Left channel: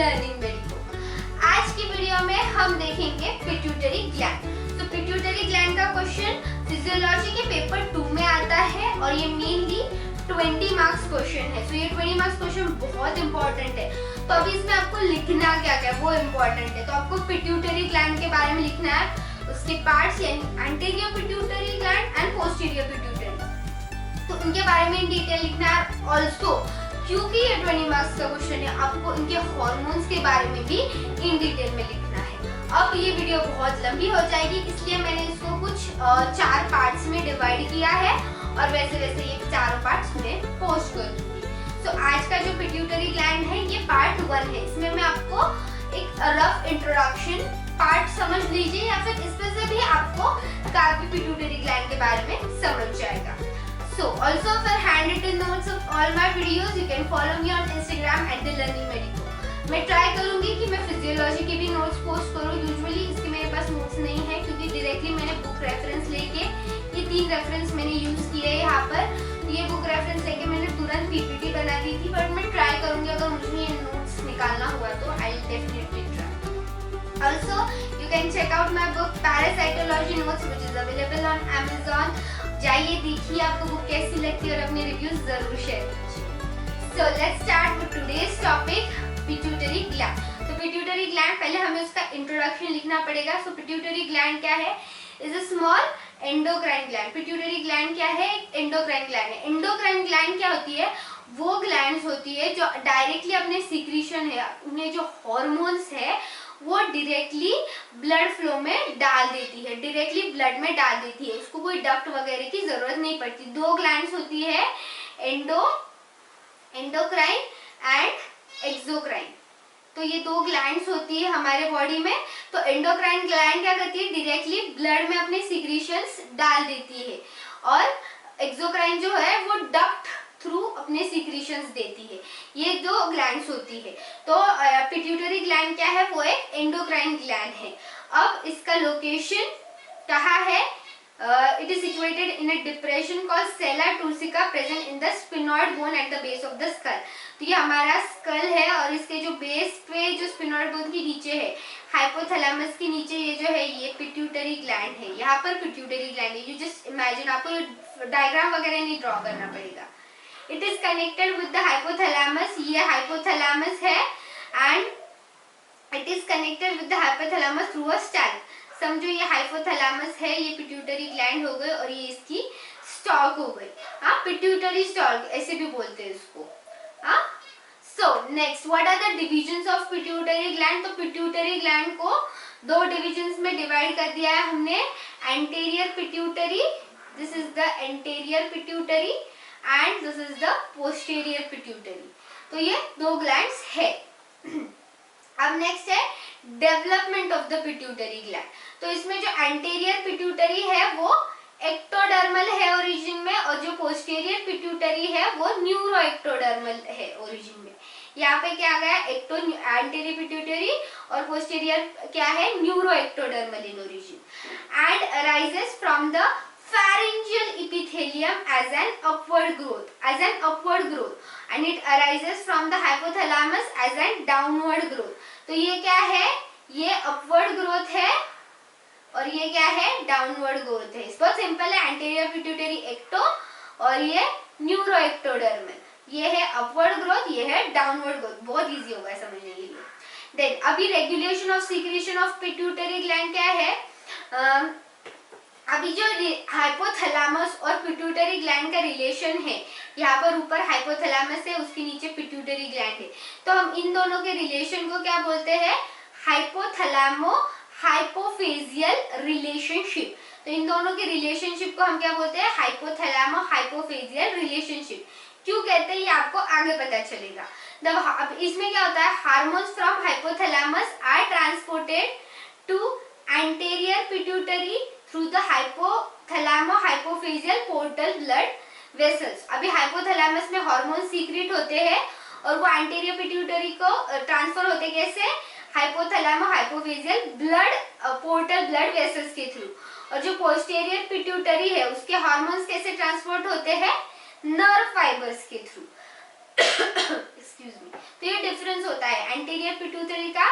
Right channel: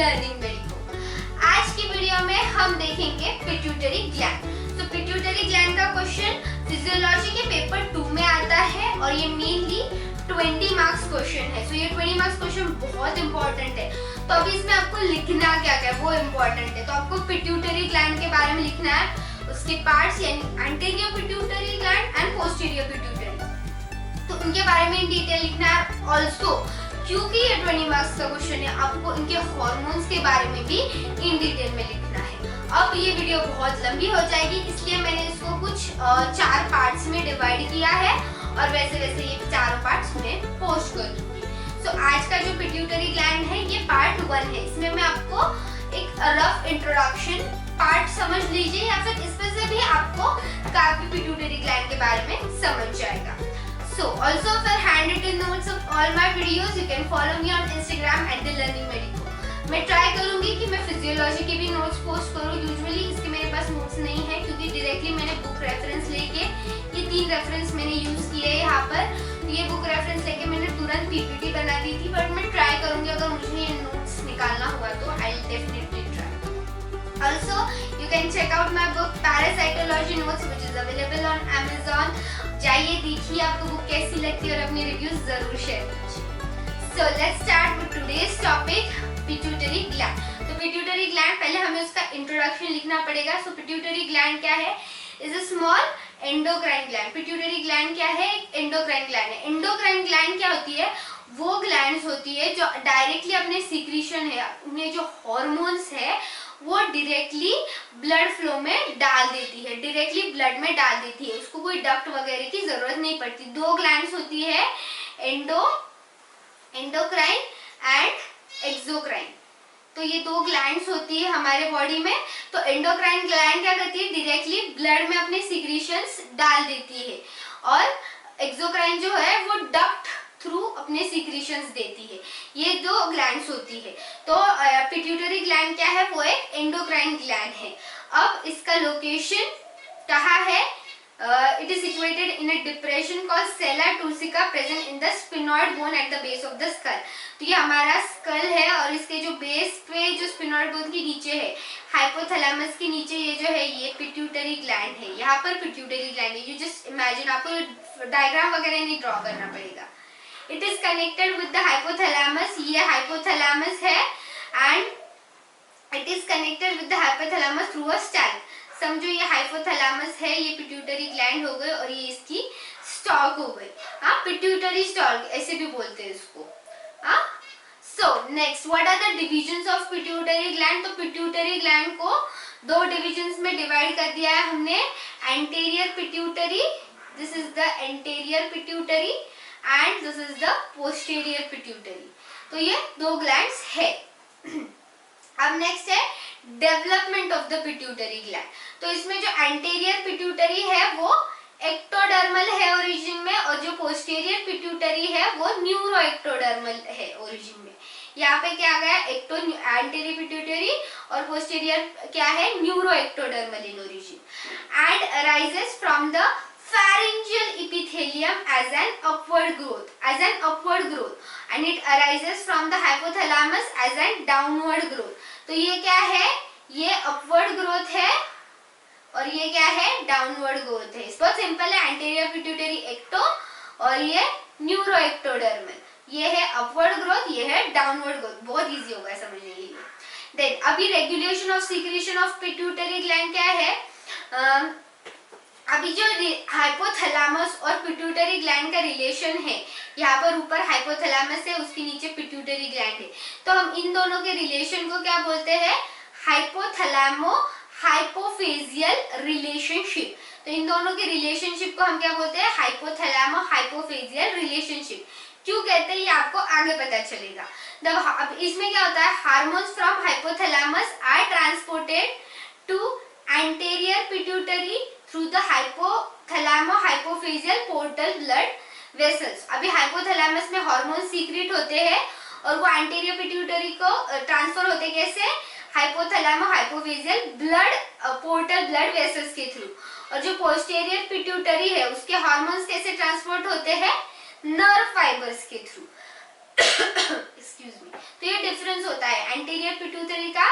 Learning medico. आज की video में हम देखेंगे पिट्यूटरी ग्लैंड। तो पिट्यूटरी ग्लैंड का क्वेश्चन फिजियोलॉजी के पेपर 2 में आता है और ये मेनली 20 मार्क्स क्वेश्चन है। तो ये 20 मार्क्स क्वेश्चन बहुत इंपॉर्टेंट है। तो अभी इसमें आपको लिखना क्या क्या है वो इम्पोर्टेंट है। तो आपको पिट्यूटरी ग्लैंड के बारे में लिखना है, उसके पार्ट्स यानी anterior pituitary gland and posterior pituitary, तो उनके बारे में डिटेल लिखना है। ऑल्सो क्योंकि ये 20 मार्क्स का क्वेश्चन है, आपको इनके हार्मोन्स के बारे में भी इन डिटेल में लिखना है। अब ये वीडियो बहुत लंबी हो जाएगी, इसलिए मैंने इसको कुछ 4 पार्ट्स में डिवाइड किया है और वैसे वैसे ये चारों पार्ट्स में पोस्ट कर दूंगी। तो आज का जो पिट्यूटरी ग्लैंड है ये पार्ट 1 है। इसमें मैं आपको एक रफ इंट्रोडक्शन पार्ट समझ लीजिए, या फिर इसमें से भी आपको काफी पिट्यूटरी ग्लैंड के बारे में समझ जाएगा। So also for handwritten notes of all my videos, you can follow me on Instagram @learningmedico। मैं ट्राई करूंगी कि मैं फिजियोलॉजी के भी नोट्स पोस्ट करूं। यूजुअली इसके मेरे पास नोट्स नहीं है क्योंकि डायरेक्टली मैंने बुक रेफरेंस लेके ये 3 रेफरेंस मैंने यूज किए हैं यहाँ पर। तो ये बुक रेफरेंस लेके मैंने तुरंत पीपीटी बना दी थी, बट मैं ट्राई करूंगी अगर मुझे ये नोट्स निकालना हुआ तो I will definitely try. Also you can check out my book Parapsychology Notes which is available on Amazon। जाइए देखिए आपको बुक कैसी लगती है और अपने रिव्यूज जरूर शेयर कीजिए। So let's start with today's topic, pituitary gland। तो पिट्यूटरी ग्लैंड, पहले हमें उसका इंट्रोडक्शन लिखना पड़ेगा। सो पिट्यूटरी ग्लैंड क्या है? Is a small endocrine gland. Pituitary gland क्या है? एंडोक्राइन ग्लैंड है। एंडोक्राइन ग्लैंड क्या होती है? वो ग्लैंड्स होती है जो डायरेक्टली अपने सीक्रेशन है, उन्हें जो हॉर्मोन्स है वो डायरेक्टली ब्लड फ्लो में डाल देती है, डायरेक्टली ब्लड में डाल देती है। उसको कोई डक्ट वगैरह की जरूरत नहीं पड़ती। 2 ग्लैंड्स होती है, एंडोक्राइन एंड एक्सोक्राइन। तो ये 2 ग्लैंड्स होती है हमारे बॉडी में। तो एंडोक्राइन ग्लैंड क्या करती है? डायरेक्टली ब्लड में अपने सीक्रेशंस डाल देती है, और एक्सोक्राइन जो है वो डक्ट थ्रू अपने सीक्रेशंस देती है। ये 2 ग्लैंड्स होती है। तो पिट्यूटरी ग्लैंड क्या है? वो एक एंडोक्राइन ग्लैंड है। अब इसका लोकेशन कहाँ है? It is situated in a depression called sella turcica present in the sphenoid bone at the base of the skull. तो ये हमारा स्कल है और इसके जो बेस पे जो स्पिनॉइड बोन के नीचे है, हाइपोथैलेमस के नीचे ये जो है ये पिट्यूटरी ग्लैंड है। यहाँ पर पिट्यूटरी ग्लैंड है। यू जस्ट इमेजिन, आपको डायग्राम वगैरह नहीं ड्रॉ करना पड़ेगा। It is connected with the hypothalamus। ये hypothalamus है and it is connected with the hypothalamus through a stalk। समझो ये hypothalamus है, ये पिट्यूटरी ग्लैंड हो गई और ये इसकी स्टॉक हो गई। हाँ, पिट्यूटरी स्टॉक ऐसे भी बोलते हैं इसको। हाँ, so next what are the divisions of pituitary gland? तो पिट्यूटरी ग्लैंड को 2 डिविजन्स में डिवाइड कर दिया है हमने। Anterior pituitary, this is the anterior pituitary, and this is the posterior pituitary. तो ये 2 ग्लैंड्स है। अब नेक्स्ट है development of the pituitary gland. तो इसमें जो एंटीरियर पिट्यूटरी है वो एक्टोडर्मल है ओरिजिन में, और जो पोस्टीरियर पिट्यूटरी है वो न्यूरो एक्टोडर्मल है ओरिजिन में। यहाँ पे क्या आ गया? एंटीरियर पिट्यूटरी और पोस्टीरियर क्या है? Neuro ectodermal in origin and arises from the pharyngeal epithelium as an upward growth and it arises from the hypothalamus as an downward growth। तो ये क्या है? ये upward growth है और ये क्या है? downward growth है। बहुत सिंपल है। anterior pituitary ecto और ये न्यूरो एक्टोडर्मल। ये है upward growth, ये है downward growth। बहुत इजी होगा समझने के लिए। देन अभी regulation of secretion of pituitary gland क्या है? अभी जो हाइपोथैलेमस और पिट्यूटरी ग्लैंड का रिलेशन है, यहाँ पर ऊपर हाइपोथैलेमस है, उसके नीचे पिट्यूटरी ग्लैंड है। तो हम इन दोनों के रिलेशन को क्या बोलते हैं? हाइपोथैलेमो हाइपोफेजियल रिलेशनशिप। तो इन दोनों के रिलेशनशिप को हम क्या बोलते हैं? हाइपोथैलेमो हाइपोफेजियल रिलेशनशिप। क्यों कहते हैं ये आपको आगे पता चलेगा। अब इसमें क्या होता है? Hormones from hypothalamus are transported to anterior pituitary through the hypothalamo hypophyseal portal blood vessels. अभी हाइपोथैलेमस में हार्मोन सीक्रेट होते हैं और वो एंटीरियर पिट्यूटरी को ट्रांसफर होते कैसे? हाइपोथैलेमो हाइपोफेजियल ब्लड पोर्टल ब्लड वेसल्स के थ्रू। और जो पोस्टीरियर पिट्यूटरी है उसके हार्मोन्स कैसे ट्रांसपोर्ट होते हैं? नर्व फाइबर्स के थ्रू। Excuse me. तो ये डिफरेंस होता है, एंटीरियर पिट्यूटरी का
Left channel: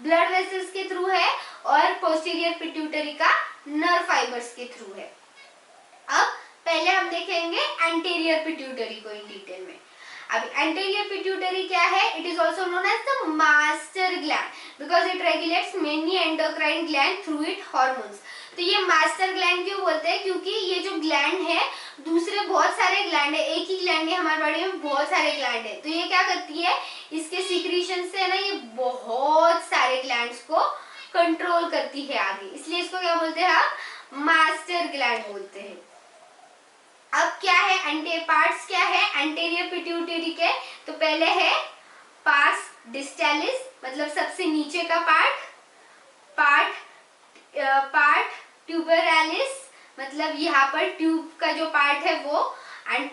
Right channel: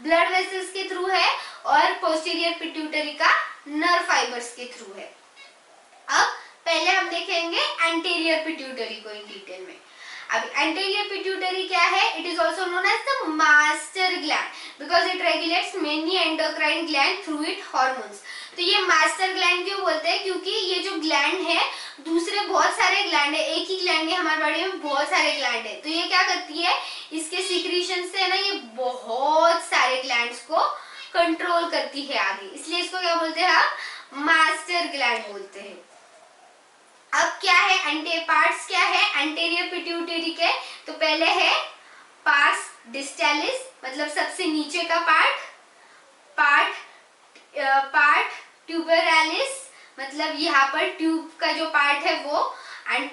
ब्लड वेसल्स के थ्रू है और पोस्टीरियर पिट्यूटरी का नर्व फाइबर्स के थ्रू है। अब पहले हम देखेंगे एंटीरियर पिट्यूटरी को इन डिटेल में। अब एंटीरियर पिट्यूटरी क्या है? It is also known as the master gland because it regulates many endocrine gland through it hormones. तो ये मास्टर ग्लैंड क्यों बोलते हैं? क्योंकि ये जो ग्लैंड है दूसरे बहुत सारे ग्लैंड है, एक ही ग्लैंड है, हमारे बॉडी में बहुत सारे ग्लैंड है। तो ये क्या करती है, इसके सीक्रेशन से ना ये बहुत सारे ग्लैंड्स को कंट्रोल करती है आगे, इसलिए इसको क्या बोलते हैं आप? मास्टर ग्लैंड बोलते हैं। अब क्या है पार्ट्स क्या है एंटीरियर पिट्यूटरी के? तो पहले है पार्स डिस्टालिस मतलब सबसे नीचे का पार्ट ट्यूबरालिस मतलब यहाँ पर ट्यूब का जो पार्ट है वो, एंड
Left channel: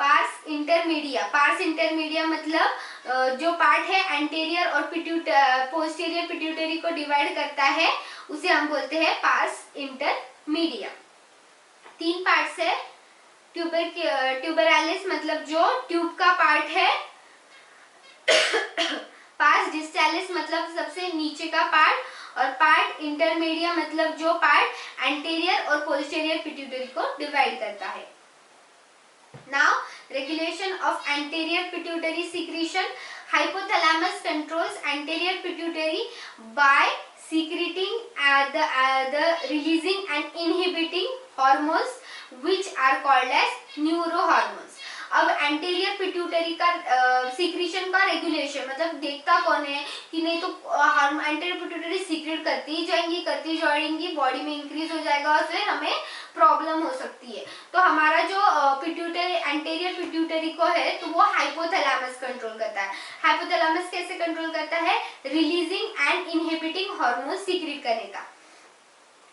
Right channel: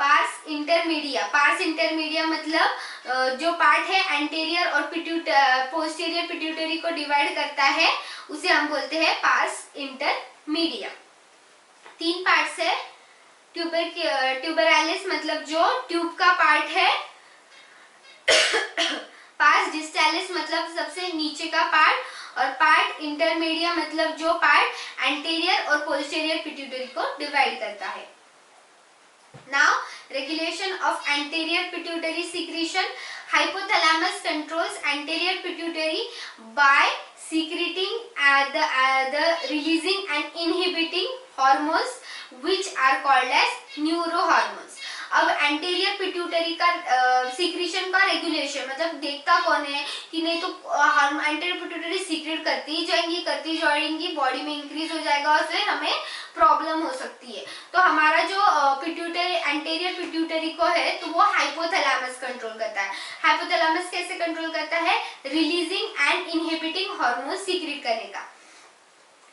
पार्स इंटरमीडिया मतलब जो पार्ट है एंटीरियर और पोस्टीरियर पिट्यूटरी को डिवाइड करता है उसे हम बोलते हैं पार्स इंटरमीडिया। 3 पार्ट्स है, ट्यूबरालिस मतलब जो ट्यूब का पार्ट है, पार्स डिस्टालिस मतलब सबसे नीचे का पार्ट, और पार्ट इंटरमीडिया मतलब जो पार्ट एंटीरियर और पोस्टीरियर पिट्यूटरी को डिवाइड करता है। Now regulation of anterior pituitary secretion. Hypothalamus controls anterior pituitary by secreting the releasing and inhibiting hormones which are called as neurohormones। अब एंटीरियर पिट्यूटरी का secretion का regulation मतलब देखता कौन है कि नहीं, तो एंटीरियर पिट्यूटरी सीक्रेट करती जाएंगी, बॉडी में इंक्रीज हो जाएगा और फिर हमें प्रॉब्लम हो सकती है। तो हमारा जो एंटीरियर पिट्यूटरी को है तो वो हाइपोथैलेमस कंट्रोल करता है। हाइपोथैलेमस कैसे कंट्रोल करता है? Releasing and inhibiting hormone secrete करने का।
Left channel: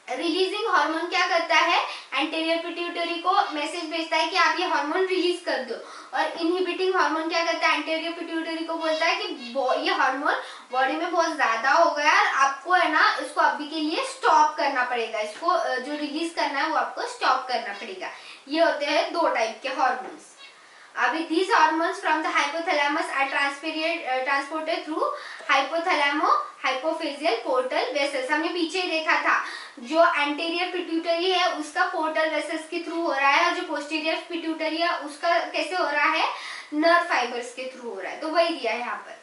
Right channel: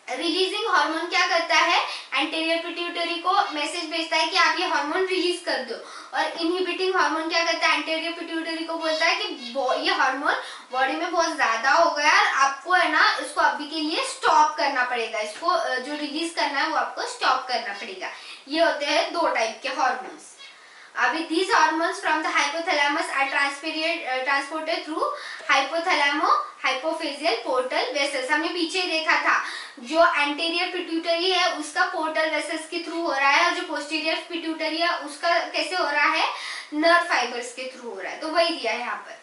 रिलीजिंग हार्मोन क्या करता है? एंटीरियर पिट्यूटरी को मैसेज भेजता है कि आप ये हार्मोन रिलीज कर दो, और इनहिबिटिंग हार्मोन क्या करता है? एंटीरियर पिट्यूटरी को बोलता है कि ये हार्मोन बॉडी में बहुत ज्यादा हो गया और आपको है ना इसको अभी के लिए स्टॉप करना पड़ेगा, इसको जो रिलीज करना है वो आपको स्टॉप करना पड़ेगा। ये होते हैं 2 टाइप के हार्मोन्स। अभी these hormones from the hypothalamus are transported through hypophyseal portal vessels। हमने पीछे देखा था जो एंटीरियर पिट्यूटरी है उसका पोर्टल वेसल्स के थ्रू हो रहा है, और जो पोस्टीरियर पिट्यूटरी है उसका कैसे हो रहा है? नर्व फाइबर्स के थ्रू हो रहा है। तो वही दिया है यहाँ पर।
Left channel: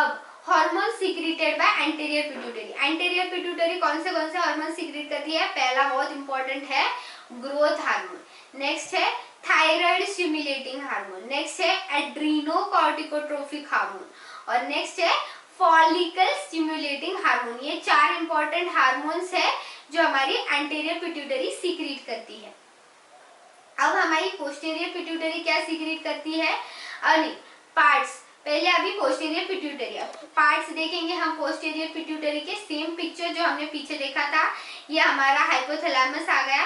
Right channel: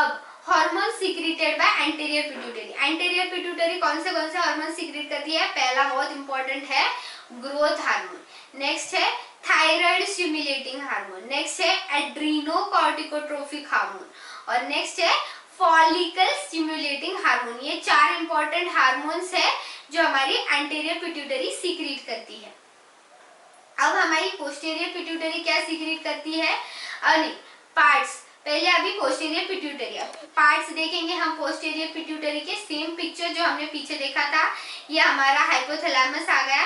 अब hormone secreted by anterior pituitary. Anterior pituitary कौन से हार्मोन सीक्रेट करती है? पहला बहुत इंपॉर्टेंट है ग्रोथ हार्मोन, नेक्स्ट है थायराइड स्टिमुलेटिंग हार्मोन, नेक्स्ट है एड्रीनोकॉर्टिकोट्रोफिक हार्मोन, और नेक्स्ट है फॉलिकल स्टिमुलेटिंग हार्मोन। ये 4 इंपॉर्टेंट हार्मोन्स है जो हमारी एंटीरियर पिट्यूटरी सीक्रेट करती है। अब हमारी पोस्टीरियर पिट्यूटरी क्या सीक्रेट करती है? नहीं, पार्ट्स। पहले अभी पोस्टीरियर पिट्यूटरी, पार्ट्स देखेंगे हम पोस्टीरियर पिट्यूटरी के। सेम पिक्चर जो हमने पीछे देखा था, ये हमारा हाइपोथैलेमस आ गया।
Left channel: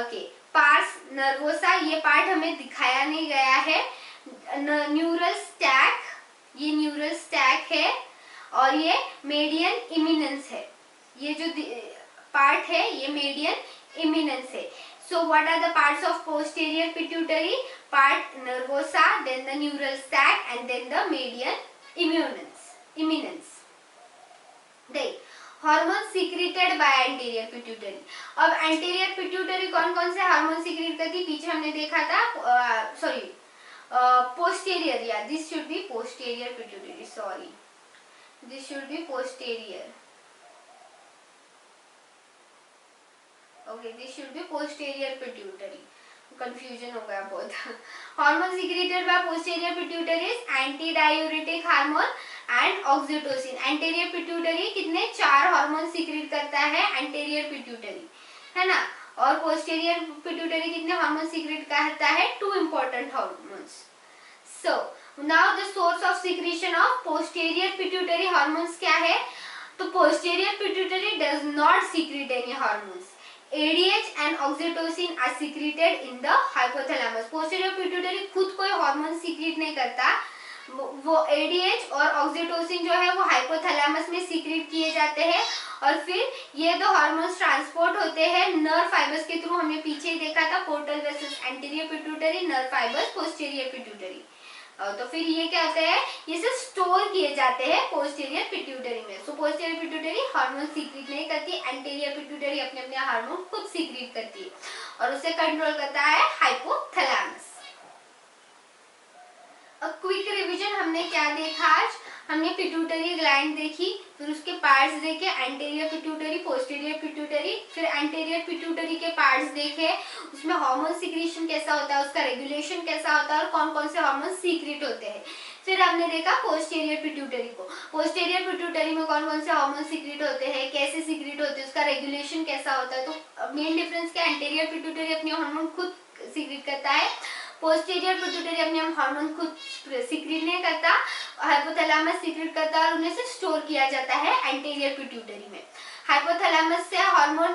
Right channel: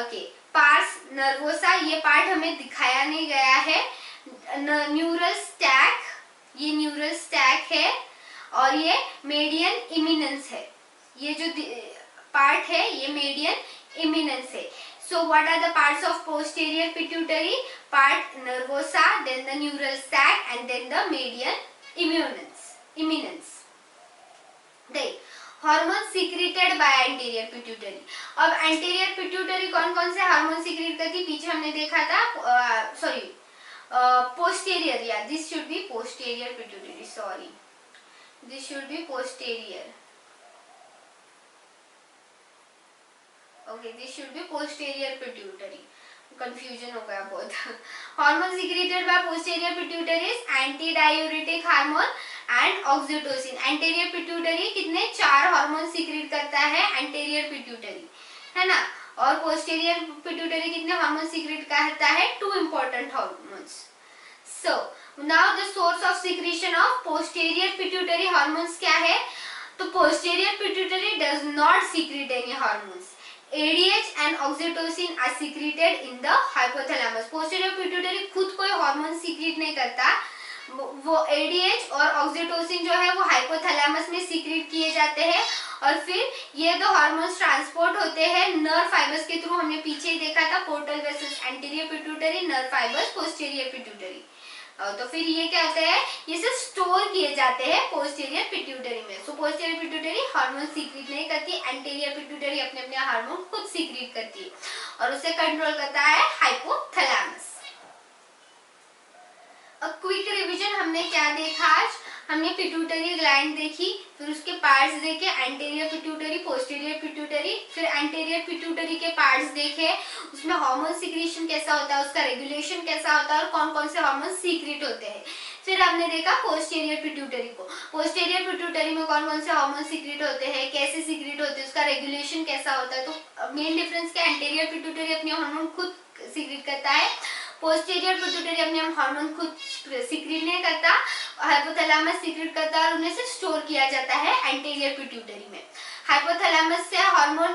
ओके, पार्स नर्वोसा, ये पार्ट हमें दिखाया नहीं गया है। न्यूरल स्टैक, ये न्यूरल स्टैक है, और ये मेडियन इमिनेंस है। ये जो पार्ट है ये मेडियन इमिनेंस है। So what are the parts of posterior pituitary? Part nervosa, then the neural sac, and then the median eminence. Then hormones secreted by anterior pituitary. अब anterior pituitary कौन से hormone secrete करती? पीछे हमने देखा था, posterior, yeah, this should be posterior pituitary, sorry, this should be posterior. Okay, this should be posterior pituitary. Confusion हो गया बहुत। Hormone secreted by posterior pituitary anti diuretic hormone and oxytocin. Anterior pituitary कितने? 4 hormone secrete करता है anterior pituitary, है ना, और posterior pituitary कितने हार्मोन सीक्रेट करता है? 2 important hormones. So now the source of secretion of posterior pituitary hormones क्या है? तो posterior pituitary does not secret any hormones. ADH and oxytocin are secreted in the hypothalamus। posterior pituitary खुद कोई hormone secrete नहीं करता, वो ADH और oxytocin जो है वो हाइपोथैलेमस में सीक्रेट किए जाते हैं, और फिर ये 2 हार्मोन्स ट्रांसपोर्ट होते हैं नर्व फाइबर्स के थ्रू। हमने पीछे ही देखा था portal vessels anterior pituitary, nerve fibres posterior pituitary. तो फिर ये क्या होता है, ये सब स्टोर किए जाते हैं पोस्टीरियर पिट्यूटरी में। सो पोस्टीरियर पिट्यूटरी हार्मोन सीक्रेट नहीं करती, एंटीरियर पिट्यूटरी अपने अपने हार्मोन खुद सीक्रेट करती है और उसे कंट्रोल करता है हाइपोथैलेमस। क्विक रिवीजन, हमने क्या देखा आज, हमने पिट्यूटरी ग्लैंड देखी, फिर उसके पार्ट्स देखे, एंटीरियर पिट्यूटरी, पोस्टीरियर पिट्यूटरी, फिर एंटीरियर पिट्यूटरी के पार्ट्स देखे, उसमें हार्मोन सीक्रेशन कैसा होता है, उसका रेगुलेशन कैसा होता है और कौन कौन से हार्मोन सीक्रेट होते हैं। फिर हमने देखा पोस्टीरियर पिट्यूटरी को, पोस्टीरियर पिट्यूटरी में कौन कौन से हार्मोन सीक्रेट होते हैं, कैसे सीक्रेट होते हैं, उसका रेगुलेशन कैसा होता है। तो मेन डिफरेंस क्या, एंटीरियर पिट्यूटरी अपने हार्मोन खुद सीक्रेट करता है, पोस्टीरियर पिट्यूटरी अपने हार्मोन खुद सीक्रेट नहीं करता, हाइपोथैलेमस सीक्रेट करता है और उन्हें से स्टोर किया जाता है एंटीरियर पिट्यूटरी में। हाइपोथैलेमस से हार्मोन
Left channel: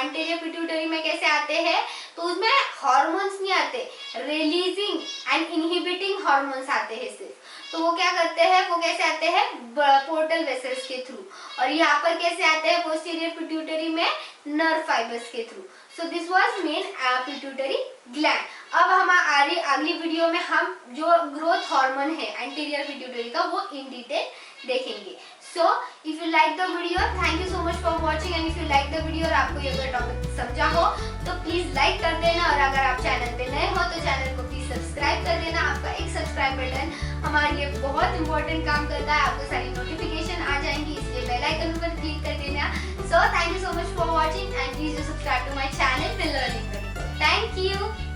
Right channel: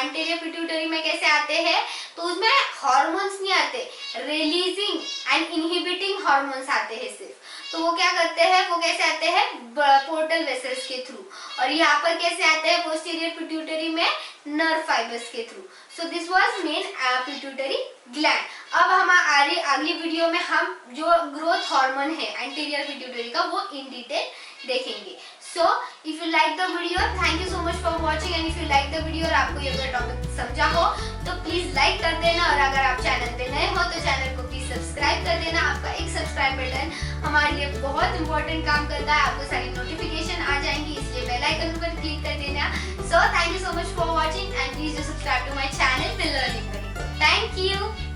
एंटीरियर पिट्यूटरी में कैसे आते हैं, तो उसमें हार्मोन्स नहीं आते, रिलीजिंग एंड इनहिबिटिंग हार्मोन्स आते हैं सिर्फ। तो वो क्या करते हैं, वो कैसे आते हैं, पोर्टल वेसल्स के थ्रू, और यहाँ पर कैसे आते हैं पोस्टीरियर पिट्यूटरी में, नर्व फाइबर्स के through. So this was main pituitary gland. अब हम अगली वीडियो में हम जो ग्रोथ हार्मोन है एंटीरियर पिट्यूटरी का वो इन डिटेल देखेंगे। So if you like the video, thank you so much for watching, and if you like the video और आपको ये टॉपिक समझा हो तो प्लीज लाइक कर देना, और अगर आप चैनल पे नए हो तो चैनल को प्लीज सब्सक्राइब कर देना। आपका एक सब्सक्राइब बटन हमारे लिए बहुत इंपॉर्टेंट काम करता है, आपको सारी नोटिफिकेशन आ जाएंगी, इसलिए बेल आइकन पर क्लिक कर देना। So thank you so much for watching and please do subscribe to my channel The Learning Buddy. Thank you.